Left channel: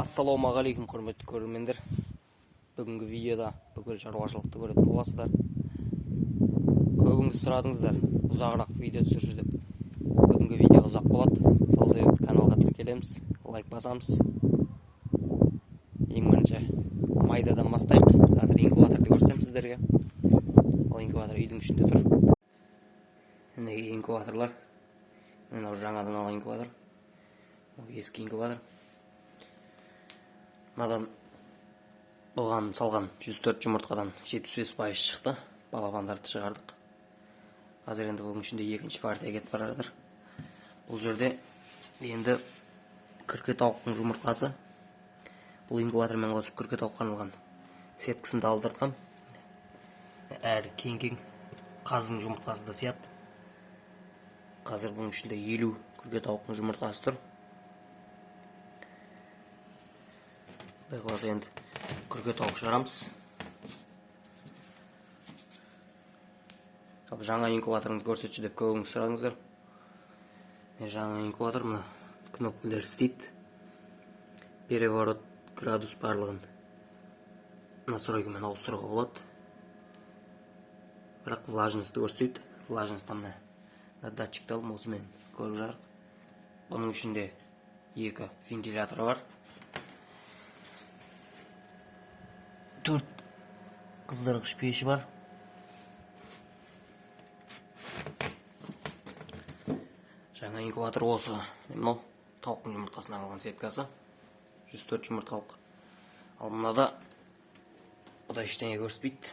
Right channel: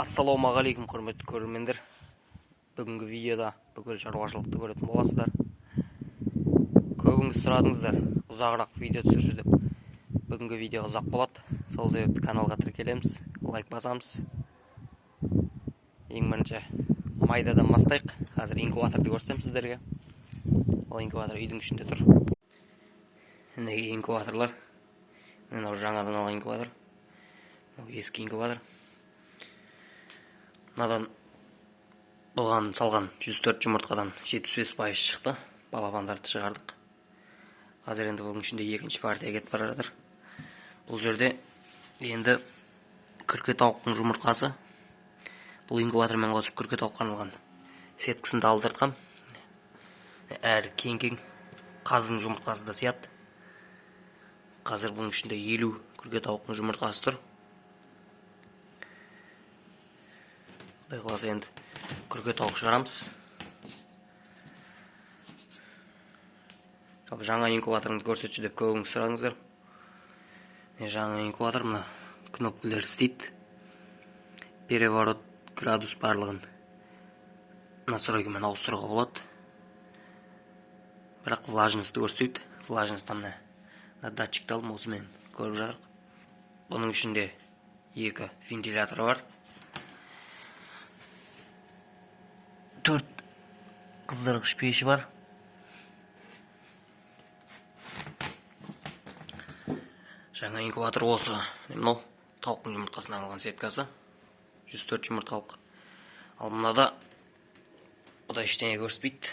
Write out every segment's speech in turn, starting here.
Ассалаумағалейкум, құрметті көрермендер. Бүгінгі видеода бүкіл шаруашылықты көретін боласыздар. Көбіңіз сұрадыңыздар, ұзағырақ видео түсірші деп. Бүгінгі видео ұзақ болады. Сол себепті каналға тіркелеміз, лайк басамыз. Ең бірінші майдадан бастайық. Қазір инкубаторды көрсем сіздерге. Ол инкубатор үйдің ішінде тұр. Неге инкубаторлар? Мынау жаңадан алған инкубатор. Бұл ескі инкубатор. Мынадан бұған салған 104 жұмыртқадан 75% шықты. Балапандарды шығардық. Қазір енді бүгін ішінде екінші партия кетіп бара жатыр. Бұл жерде енді күрке тауықтың жұмыртқасы. Бұл инкубатормен қосып күрке тауыққа арналған сеткісін алдыртқам. Әр кең қаздың жұмыртқасы да сияды. Қазір бұның ішінде 50 күрке тауықтың жұмыртқасы тұр. Құдай қаласа енді күрке тауық шығарамыз. Жаңа инкубаторыңды көрсетші деп көбіңіз сұрадыңыздар. Жаңа инкубатор мына кнопкалар істейді. Переворот градус барлығын настройкамен ауыстыруға болады. Бірақ влажностьті көрсетеді. Влажностьті мына датчикті алып осымен көріп жатырық. Бұның ішінде 2 вентилятор бар. 4 қыздырғыш пеші бар. Жаңа инкубатор осы. Мынау тауықтың жұмыртқасына арналған сеткасы. 104 жұмыртқалық. Ал мынада бұда ештеңе көрсетпейді.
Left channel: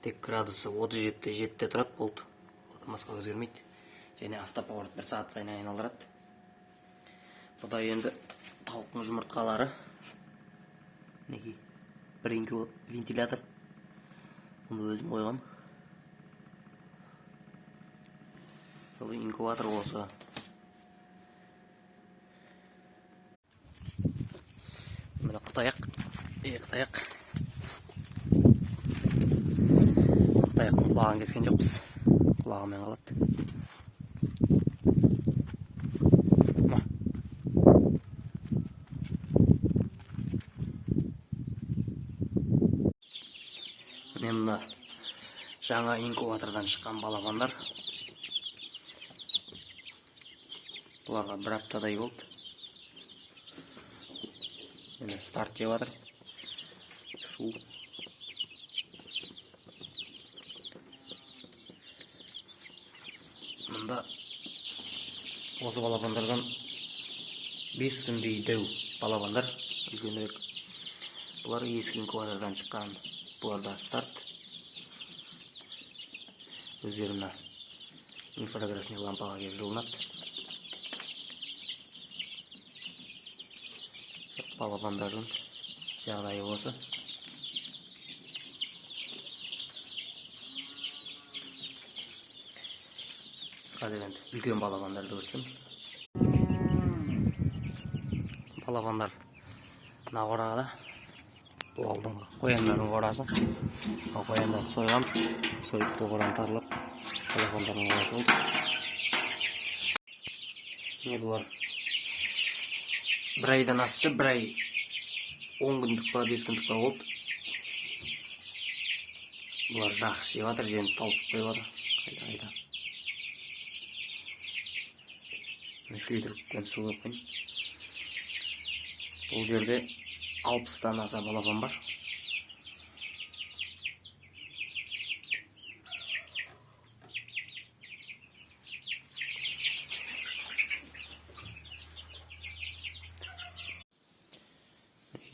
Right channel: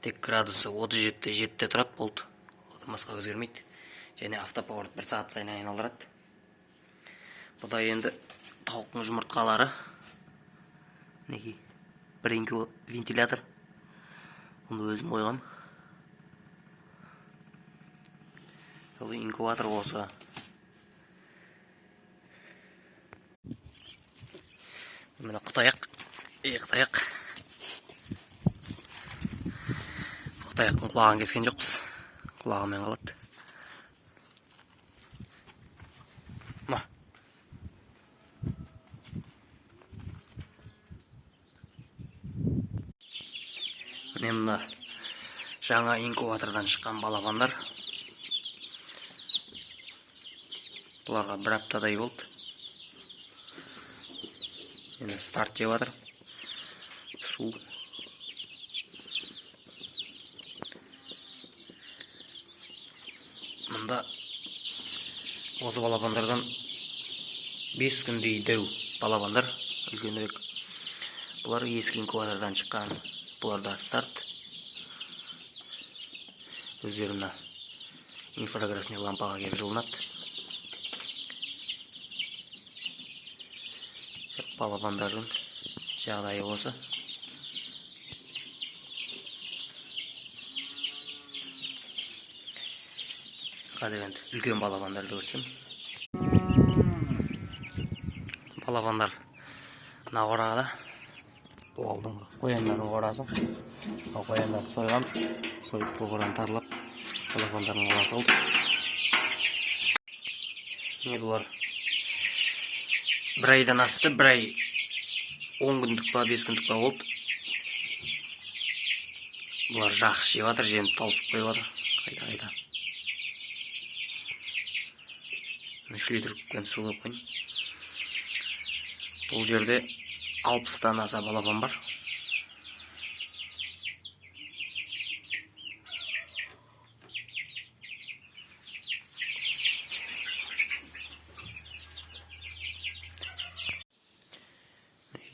Тек градусы 37-7-те тұрады, болды. Басқа өзгермейді. Және автоповорот 1 сағат сайын айналдырады. Бұда енді тауықтың жұмыртқалары. Неге? Бір вентилятор. Оны өзім қойғам. Бұл инкубатор осы. Мына қытаяқ. Қытаяқ. Қытаяқтың құлағын кескен жоқпыз. Құлағымен қалады. Мына жаңа инкубатордан шыққан балапандар. Бұларға 1 аптадай болды. Енді старт жеп жатыр. Су. Мұнда осы балапандардан 5 күндей дәу балапандар, үлкенірек. Бұлар ескі инкубатордан шыққан. Бұларда старт. Өздеріне инфракрасный лампаға кеп жылынады. Балапандардың жағдайы осы. Қазір енді үлкен балапандарды көрсем. Балапандар мына қорада. Бұл алдыңғы қояндардың қорасы. Қояндарды сойғамыз. Сойып бұл қораны тазалап, балапандардың қорасы қылдық. Бұлар 1 айдан асты, 1 ай 10 күндік па, 5 күндік па болды. Бұлар жақсы жеп жатыр, жемді тауысып қойып жатыр. Қайда. 3 литрмен су құйып қойын. Бұл жерде 60-тан аса балапан бар.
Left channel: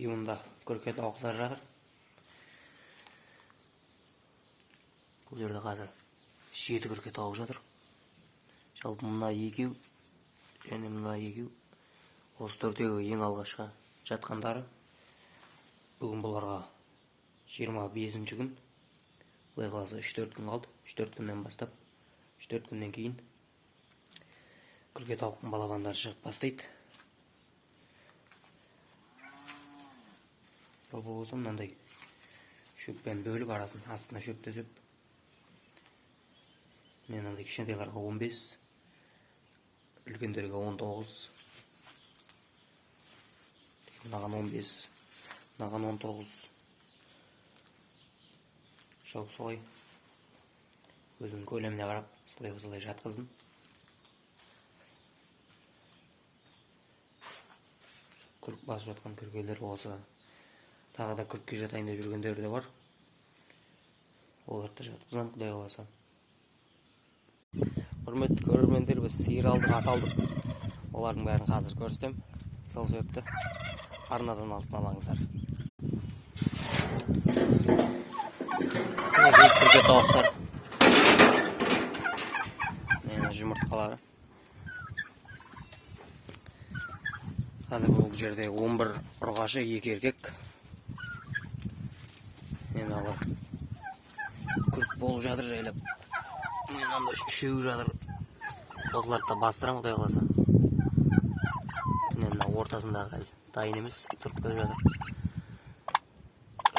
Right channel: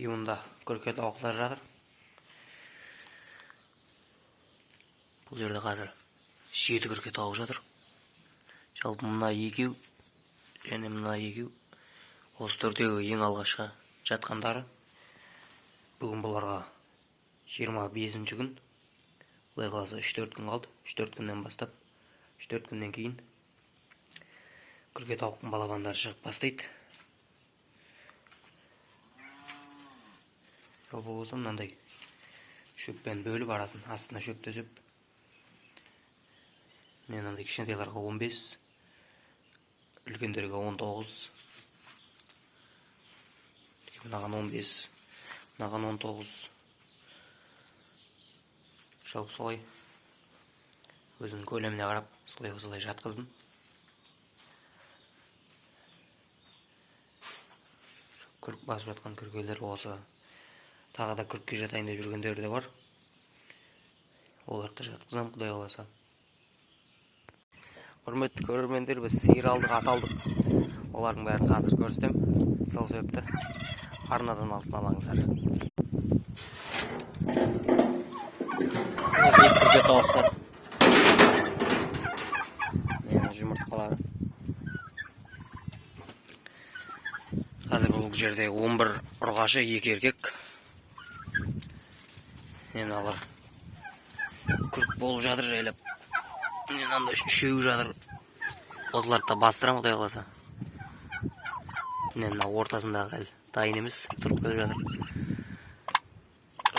Мұнда күрке тауықтар жатыр. Бұл жерде қазір 7 күрке тауық жатыр. Жалпы мына 2 және мына 2 осы төрдегі ең алғашқы жатқандары. Бүгін бұларға 25-ші күн. Құдай қаласа 3-4 күн қалды. 3-4 күннен бастап, 3-4 күннен кейін күрке тауықтың балапандары шығып бастайды. Жалпы болса мынандай шөппен бөліп арасын астына шөп төсеп. Мен мынандай кішкентайларға 15, үлкендерге 19, мынаған 15, мынаған 19. Жалпы солай өзінің көлеміне қарап солай жатқыздым. Күрк басып жатқан күркелер осы тағыда күркке жатайын деп жүргендер де бар. Оларды жатқызам, құдай қаласа. Құрметті көрермендер, біз сиыр алдық, ат алдық. Олардың бәрін қазір көрсетем. Сол себепті арнадан алыстамаңыздар. Күрке тауықтар. Жұмыртқалары. Қазір бұл жерде 11 ұрғашы, 2 еркек. Алар күрк болып жатыр жайлап. Анда үшеуі жатыр. Осыларды да бастырам, құдай қаласа. Мына ортасындағы әлі дайын емес, тұрып келіп жатыр.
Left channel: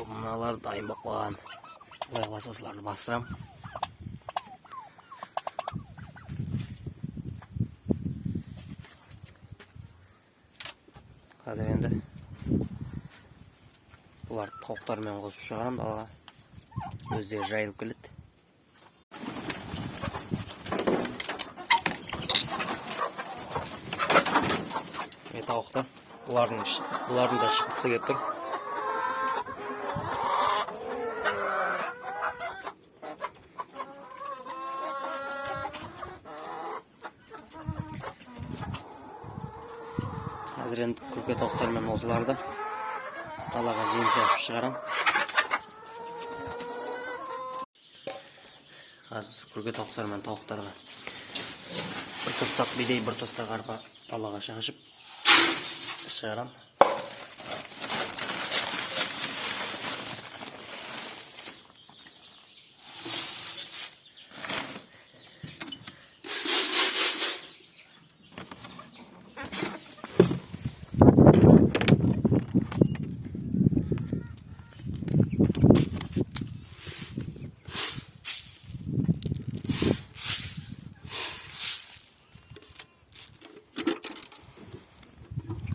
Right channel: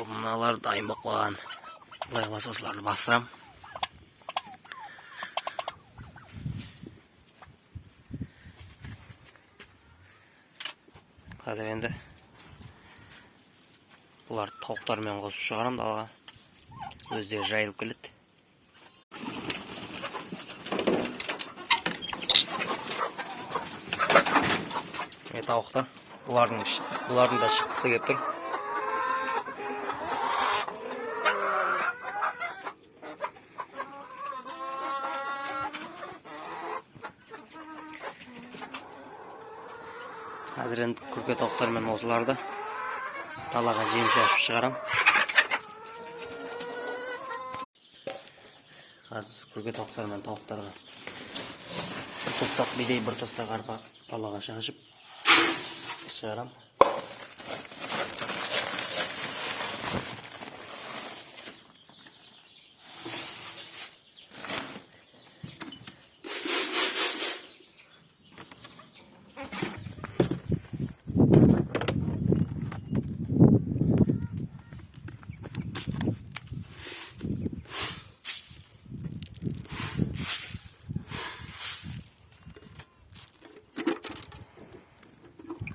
Мыналар дайын болып қалған. Құдай қаласа осыларды бастырам. Қазір енді бұлар тауықтармен қосып шығарам далаға. Өздері жайылып келеді. Тауықтар. Бұлардың да шыққысы келіп тұр. Қазір енді күрке тауықтармен осыларды далаға жем шашып шығарам. Қазір күрке тауықтармен тауықтарға бір тостақ бидей, бір тостақ арпа далаға шашып шығарам.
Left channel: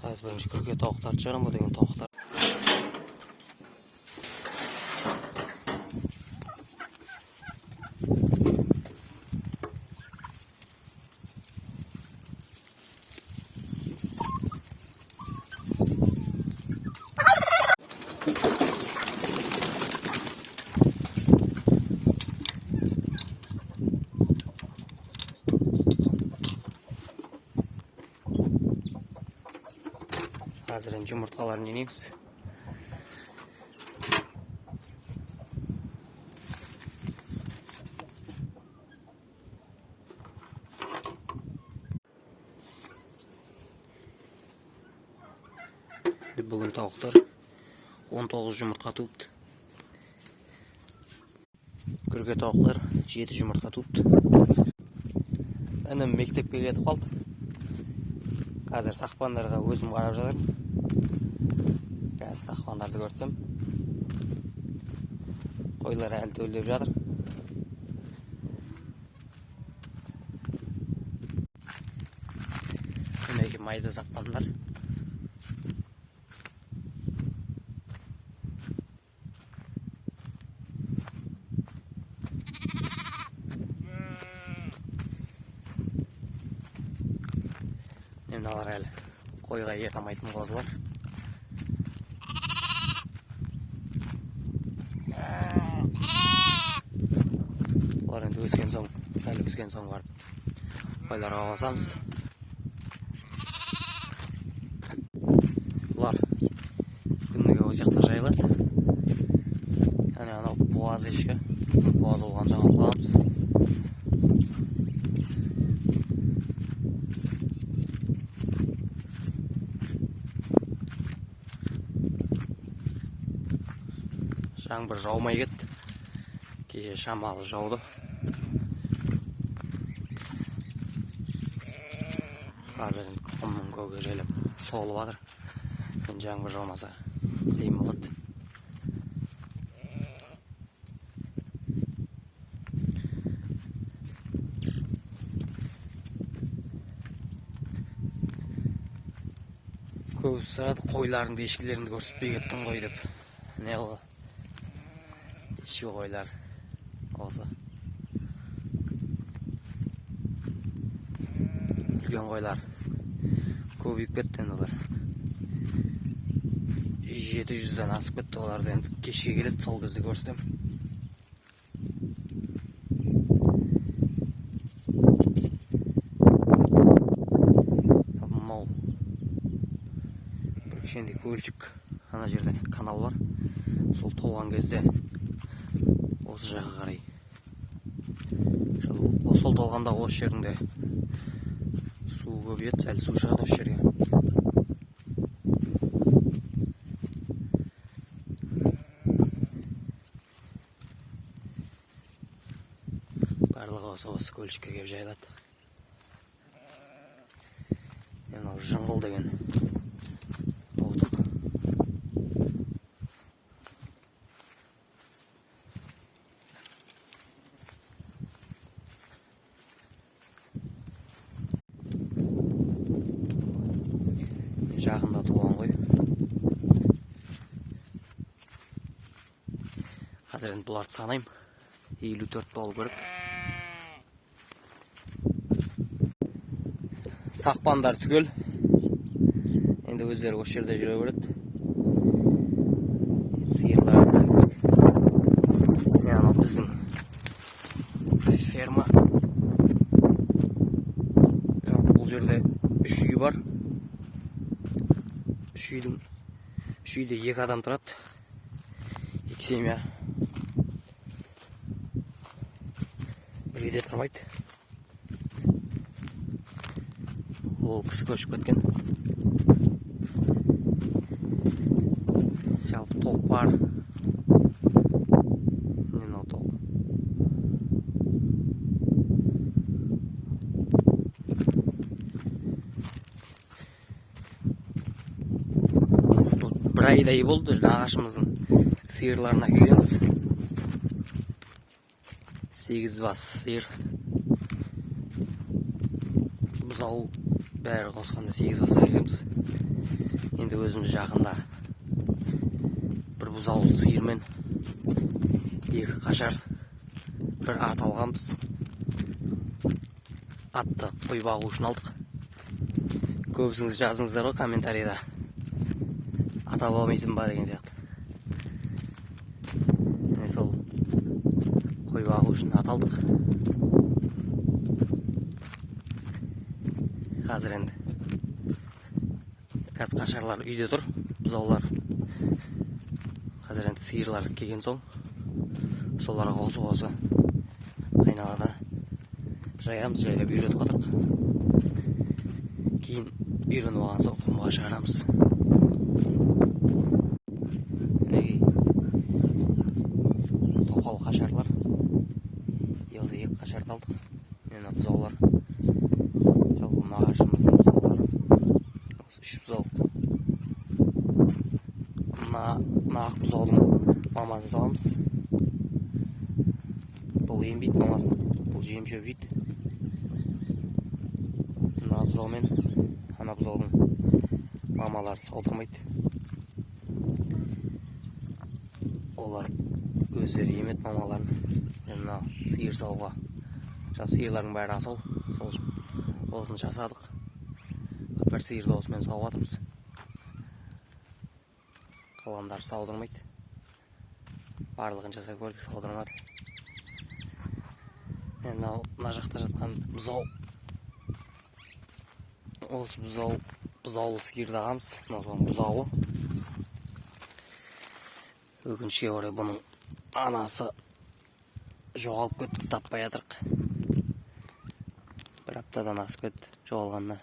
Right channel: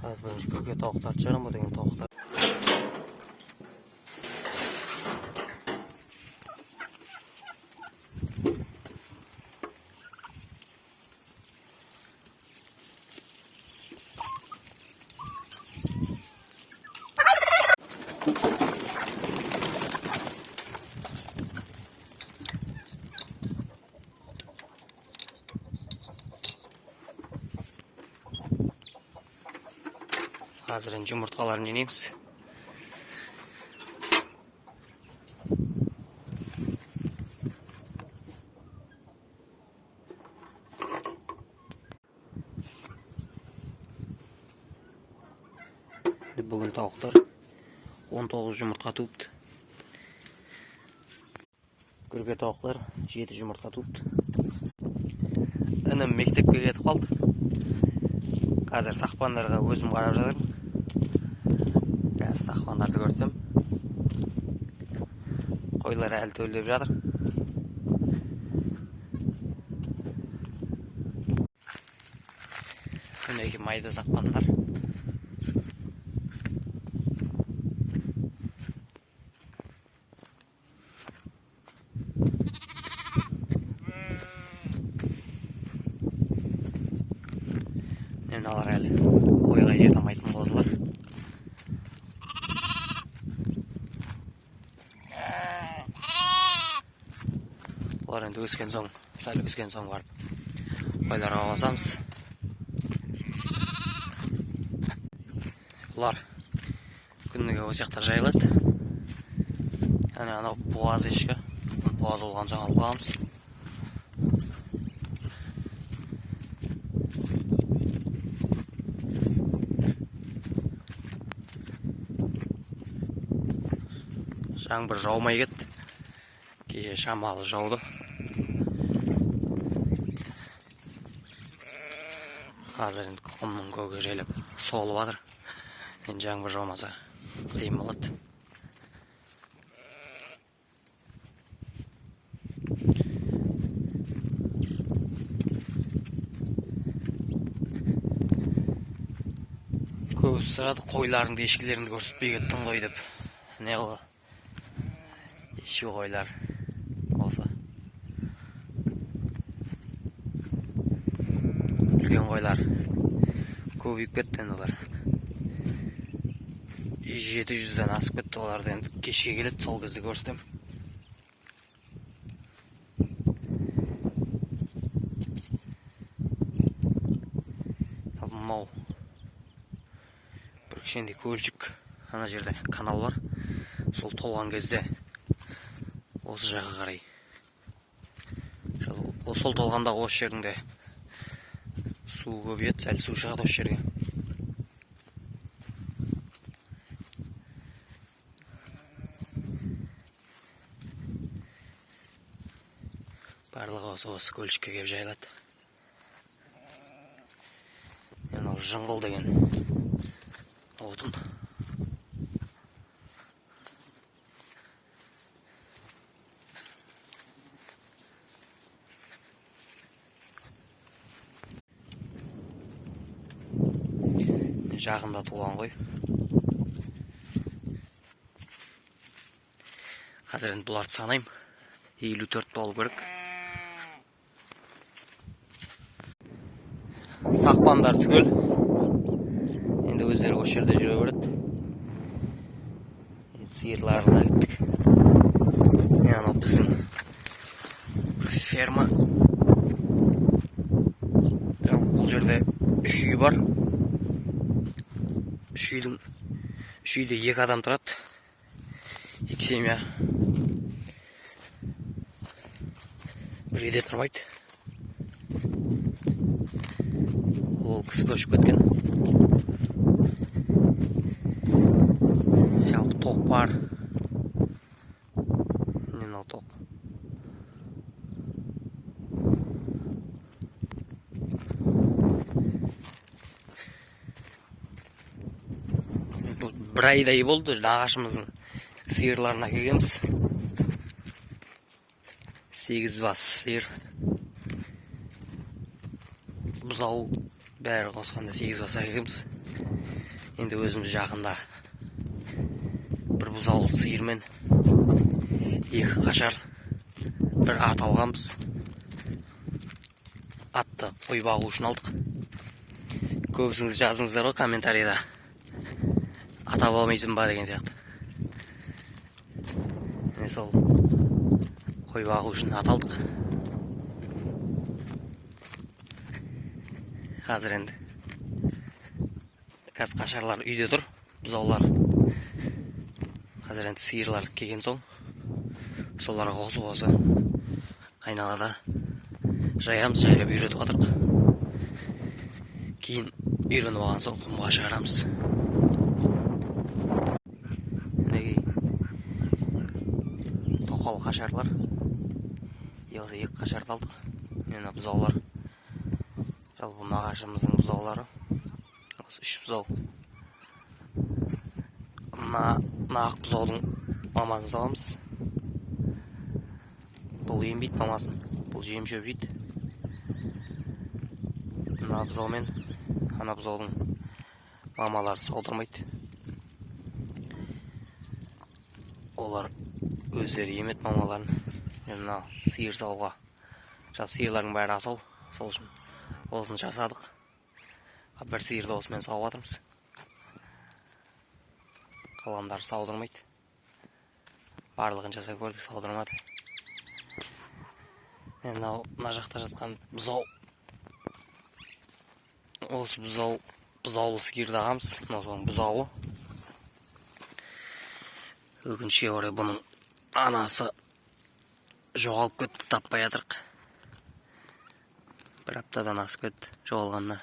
Қазір бірінші күрке тауықтарды шығарам, бұл деген тауықтар. Қазір енді жұмыртқаларын енеміз. Бүгін тауықтар 19 жұмыртқа туыпты. Күрке тауықтар 7 жұмыртқа туыпты. Інім мектепке кетіп қалды. Қазір сақпандарға өзім қарап жатырмын. Сақпандарды көрсем, қойлар әлі төлдеп жатыр. Мінеки майда сақпандар. Мыналар әлі қойға ет алмайтын қозылар. Олар енді өскен соң, сәл өскен соң барып қойларға қосамыз. Бұлар күніге осы жақта жайылады. Анау буаз ешкі, буаз болған соң алып қаламыз. Жаңбыр жаумай кетті. Кеше шамалы жауды. Қазір енді құмның көгі жайлап солып жатыр. Енді жаңбыр жаумаса қиын болады. Көбісі сұрады, қойларыңды, ешкілеріңді көрсетпей кеттің ғой деп. Не ғой? Ешкі қойлар осы. Үлкен қойлар көбейіп кетті енді олар. 700-ден асып кетті, оларды енді кешке келеді, сол кезде көрсетем. Мынау бір кішкентай көлшік, ана жерде канал бар. Сол толған кезде осы жаққа қарай. Сол толғанда осы жерінде су көбейеді, сәл су шығады осы жерге. Барлығы осы көлшікке кеп жайылады. Мынау жыңғыл деген отын. Жақында туған ғой. Қазір енді бұларды санайым. 54 болу керек. Сақпандар түгел. Енді өздері осы жерде жүре береді. Сиырларға кеттік. Анау біздің ферма. Жалпы бұл жерде 3 үй бар. 3 үйде 2 адам тұрады. 2 семья. Бірге де тұрмайды. Ол кісі көшіп кеткен. Жалпы тоқ бар. Мынау тоқ. Бір айдай болды, ағашымыздың сиырларына келеміз. 8 бас сиыр. Бұзау бәрі қосқанда 8 бас келеміз. Енді өзіміз жақында бір бұзау сиырмен 2 қашар, бір ат алғанбыз. Атты қой бағу үшін алдық. Көбісіңіз жазыңыздар ғой комментарийда. Ата болмайсың ба деген сияқты. Міне сол қой бағу үшін ат алдық. Қазір енді қашарлар үйде тұр, бұзаулар. Қазір енді сиырлар келген соң соларға қосып осы айналада жаямыз, жайлап үйретіп отырық. Кейін үйреніп алған соң құмға шығарамыз. Тоқал қашарлар. Елді 2 қашарды алдық. Мына бұзаулар. Жалпы ағашымыздың бұзаулары. Осы 3 бұзау. Мына ақ бұзаудың мамасын сауамыз. Бұл ембейді мамасын. Бұл жем шөп жейді. Мына бұзау мен ана бұзаудың мамалары саудырмайды. Олар өздері емет мамаларын. Мына сиыр сауға. Жалпы сиырлардың бәрі асау. Сол үшін осын жасадық. Бір сиырды осымен сауып жатырмыз. Қалғандары саудырмайды. Барлығын жасап көрдік, саудырмады. Мына жақта жатқан бұзау. Осы бұзаулы сиырды ағамыз. Мына бұзауы. Өкінішке орай бұның анасы жоғалып кетті, таппай жатырық. Бір аптадан асып кетті жоғалғанына.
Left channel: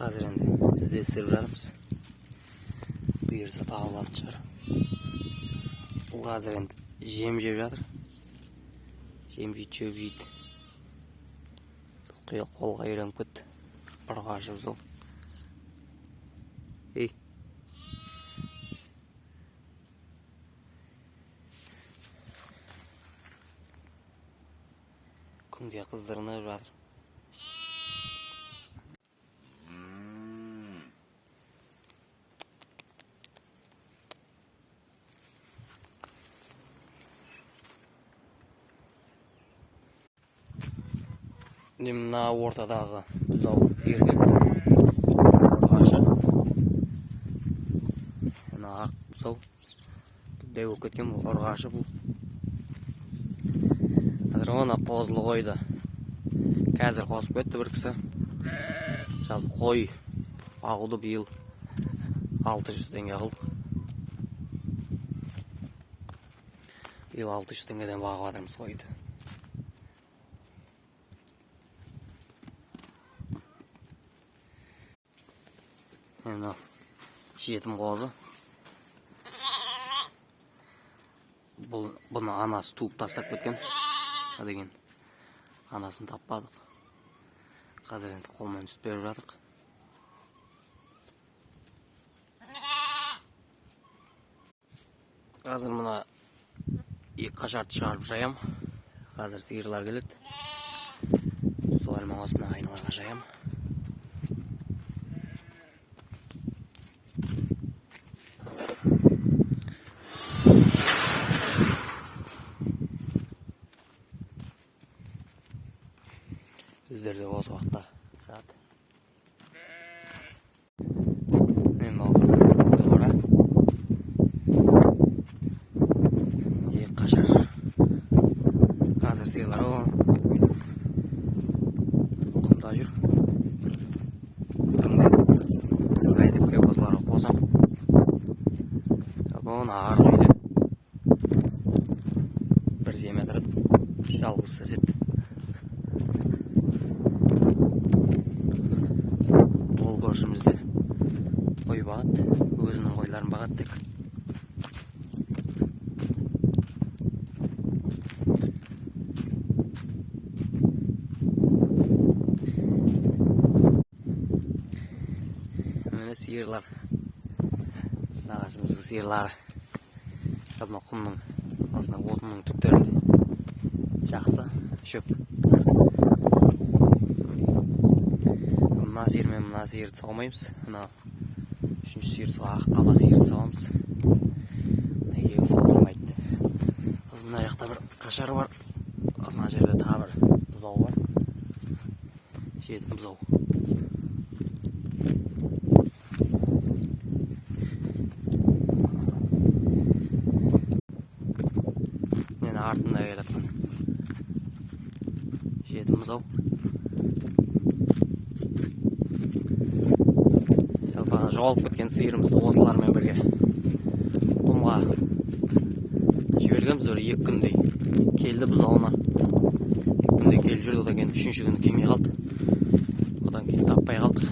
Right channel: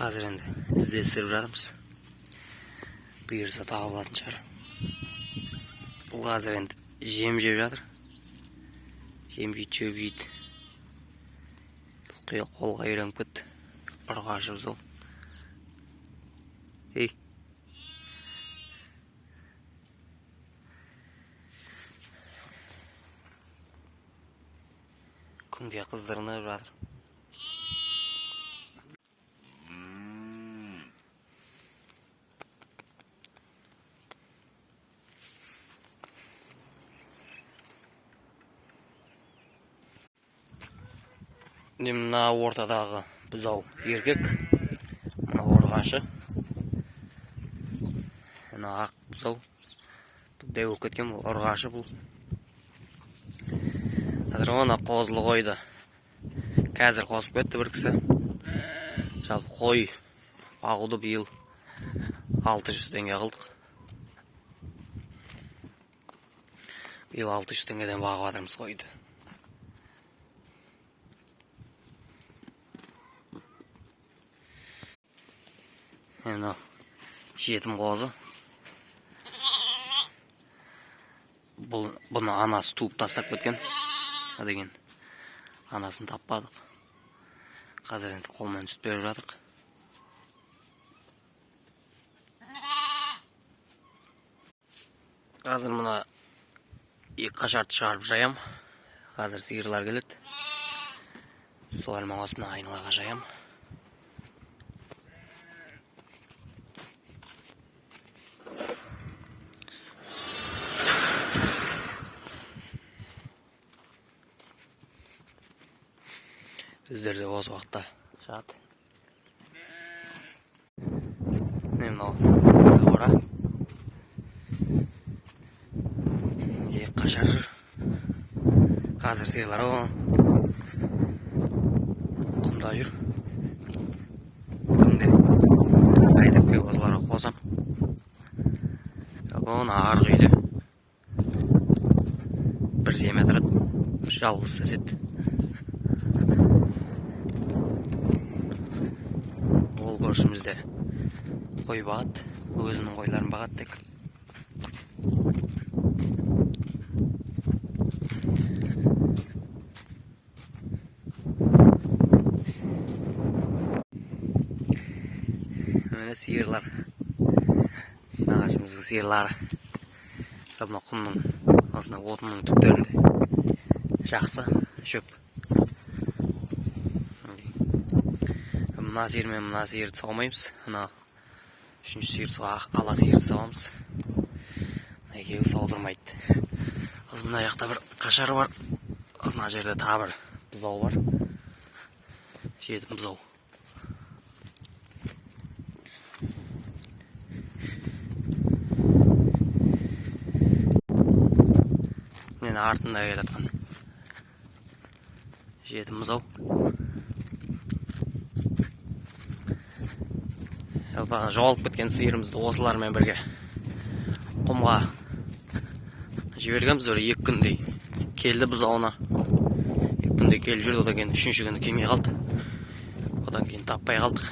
Қазір енді іздестіріп жатырмыз. Бұйырса табылатын шығар. Бұл қазір енді жем жеп жатыр. Жем жейді, шөп жейді. Бұл қолға үйреніп кетті. Ұрғашы бұзау. Ей. Күнге қыздырынып жатыр. Мына ортадағы бұзау еркек, ұрғашы. Мына ақ бұзау. Дәу болып кеткен бұл ұрғашы бұл. Қазір оны қозылы қойды. Қазір қосып кетті бір кісі. Жалпы қой бағуды биыл 600 теңге қылдық. Биыл 600 теңгеден бағып жатырмыз қойды. Мынау жетім қозы. Бұны анасы туып тастап кеткен. Деген анасын таппадық. Қазір енді қолмен сүт беріп жатырық. Қазір мына екі қашарды шығарып жаям. Қазір сиырлар келеді. Солармен осыны айналаға жаям. Өздері де осы уақытта шығады. Мынау қора. Қашар жүр. Қазір сиырлар құмда жүр. Күнде қайтып кеп осыларға қосам. Оны арғы үйде бір жем отырады, жалғыз сесет. Ол көршімізде қой бағады, өзінің қойларын бағады тек. Сиырлар, нағашымыздың сиырлары. Мына құмның, осына отының түптерінде жақсы шөп. Мына сиыр мен мына сиырды саумаймыз. Мына үшінші сиырды ала сиырды сауамыз. Мына екеуі саудырмайды. Мына жақта бір қашар бар. Мына жерде тағы бір бұзау бар. Жетім бұзау. Артында келатқан жетім бұзау. Жоғалып кеткен сиырымызды осылармен бірге құмға жібергенбіз. 2 күндей келді бұзауына. 2 күндей келіп жүрді, одан кейін 3-ші күні келмей қалды. Одан кейін таппай қалдық.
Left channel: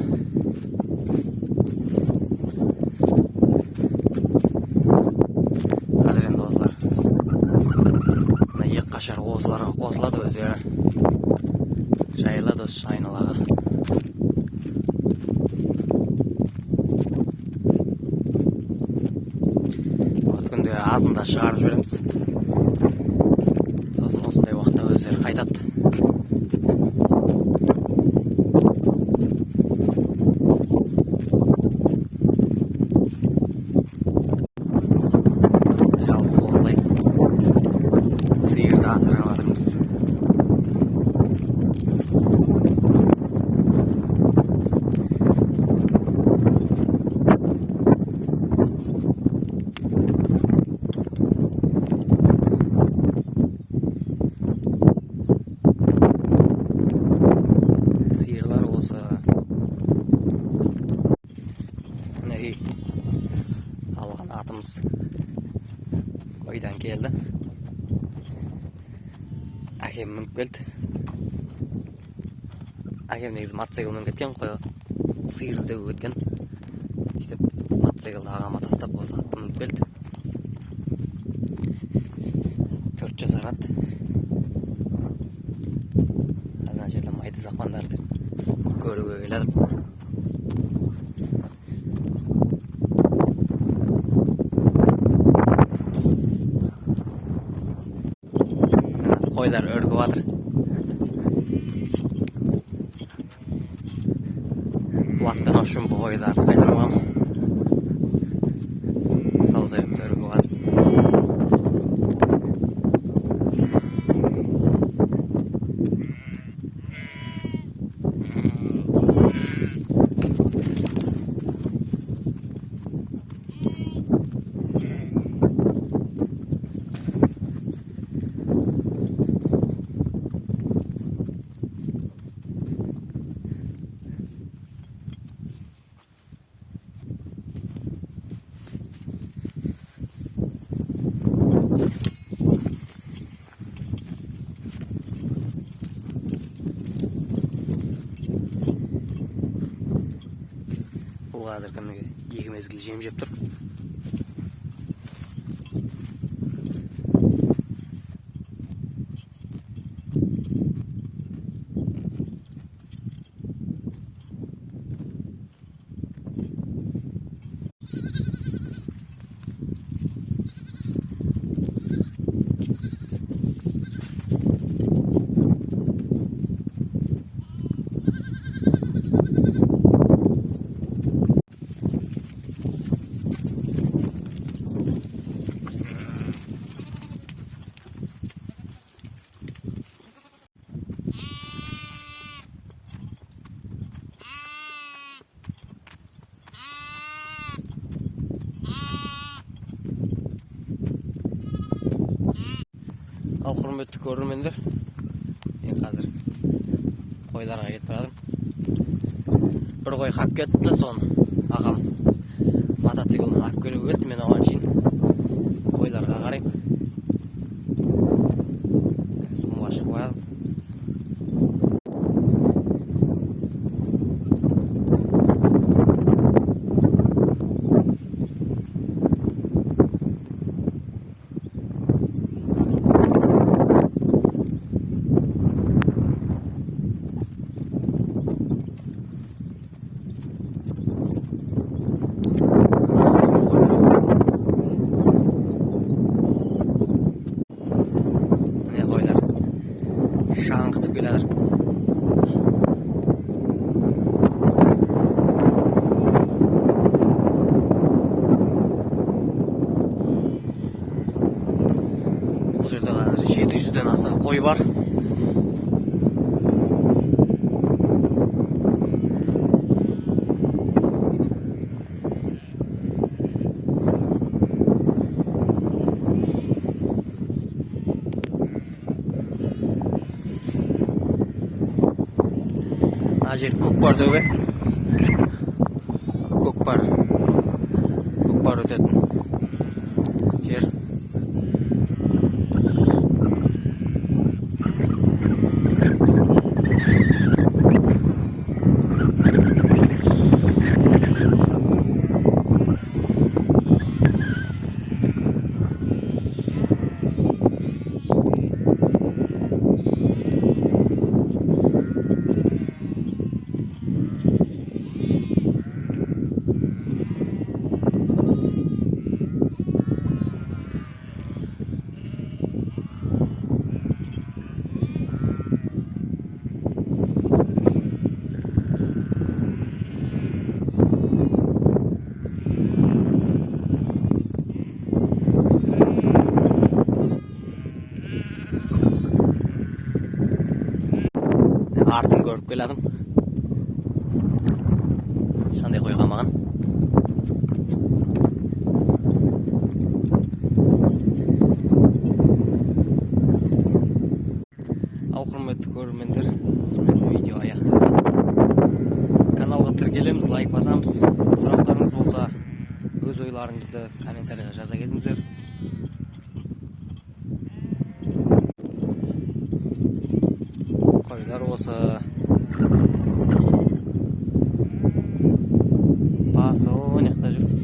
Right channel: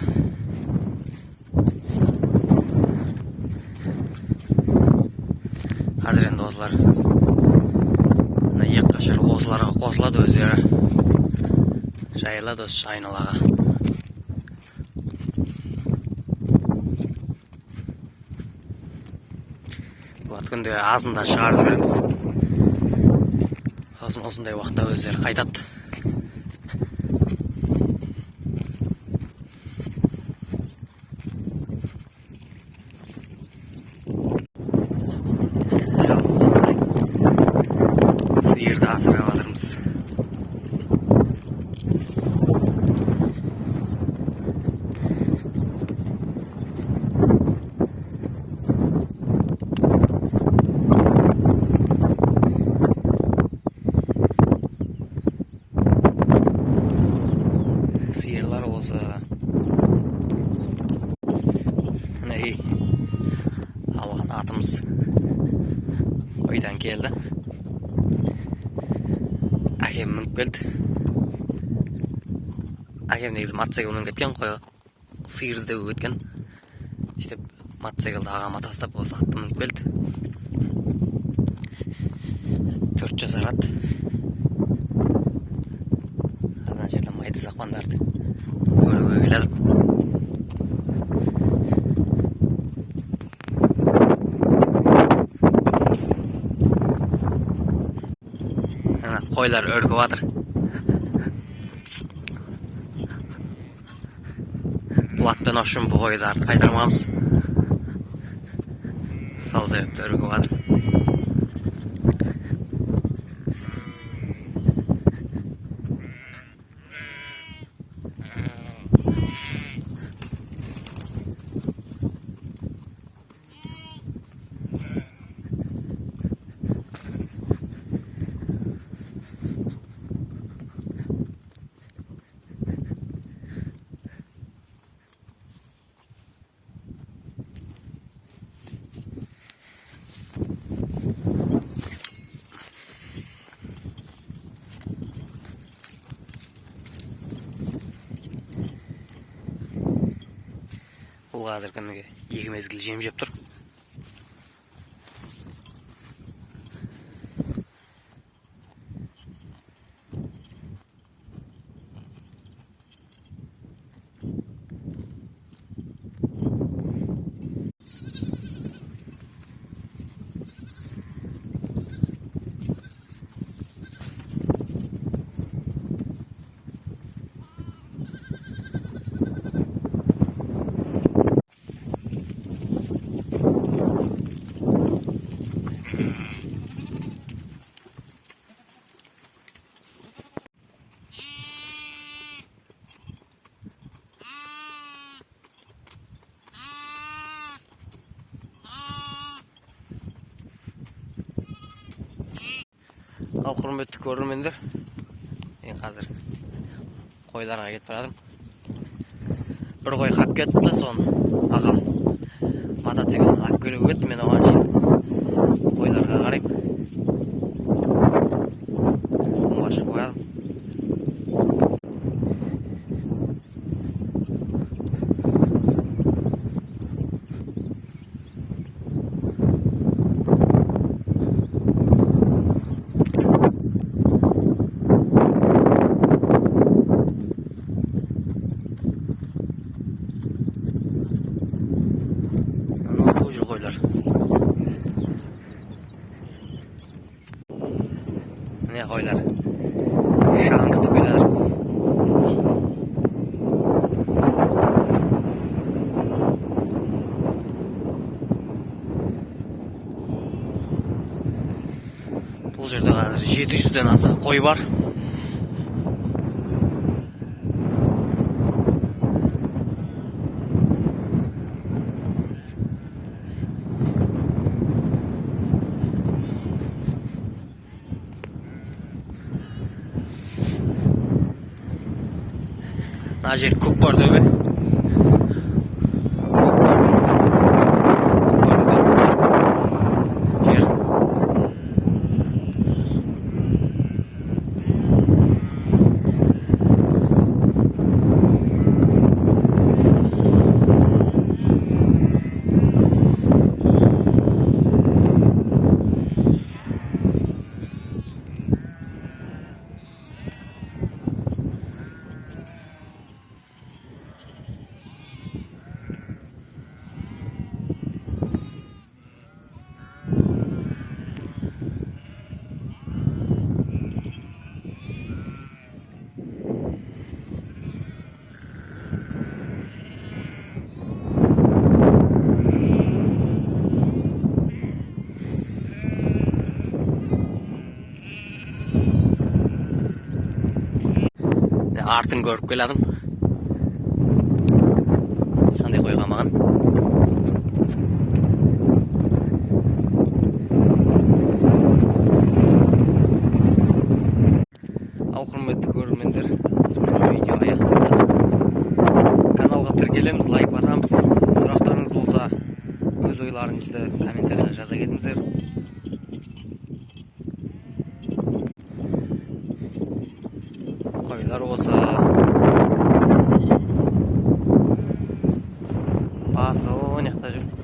Қазір енді осылар екі қашар осыларға қосылады, өздері жайылады осы айналаға. Бұл күнде азында шығарып жібереміз. Осындай уақытта өздері қайтады. Сиырды асырап жатырмыз. Сиырлар осы алған атымыз ойдан келді. Әкем мініп келді. Әкем негізі мотоциклмен кеткен, қой сиыр іздеп кеткен. Мотоциклді ағама тастап осы атты мініп келді. 4 жасар ат. Ана жерде майды сақпандарды көруге келеді. Қойлар өргіп жатыр. Бұл атпен ашым бұл қойларды қайтармамыз. Сол себепті өргіп жатыр. Бұл қазір күніге 2 мезгіл жем жеп тұр. Ал құрметті көрермендер, мен қазір қойларға кетіп барадым. Бір қой қап кетті, соны ағам мотоциклін алып келуге кетті. Мен оған шейін қойларға қарайып сымға шығып барадым. Қойлар шаңқытып келеді. Бұл жерде қазір 700-ден аса қой бар. Мына жер көк бар төбе. Көк бар. Көк бар өтеді. Жер. Артын көріп келедім. Шандай қойға маған. Ал құрметті көрермендер, осымен видео аяқталды. Каналға тіркелеміз, лайк басамыз. Сұрақтарыңыз болса, өз ойларыңызды комментарияға жаза кетіңіздер. Қойлар осы басы оң жақта жүр.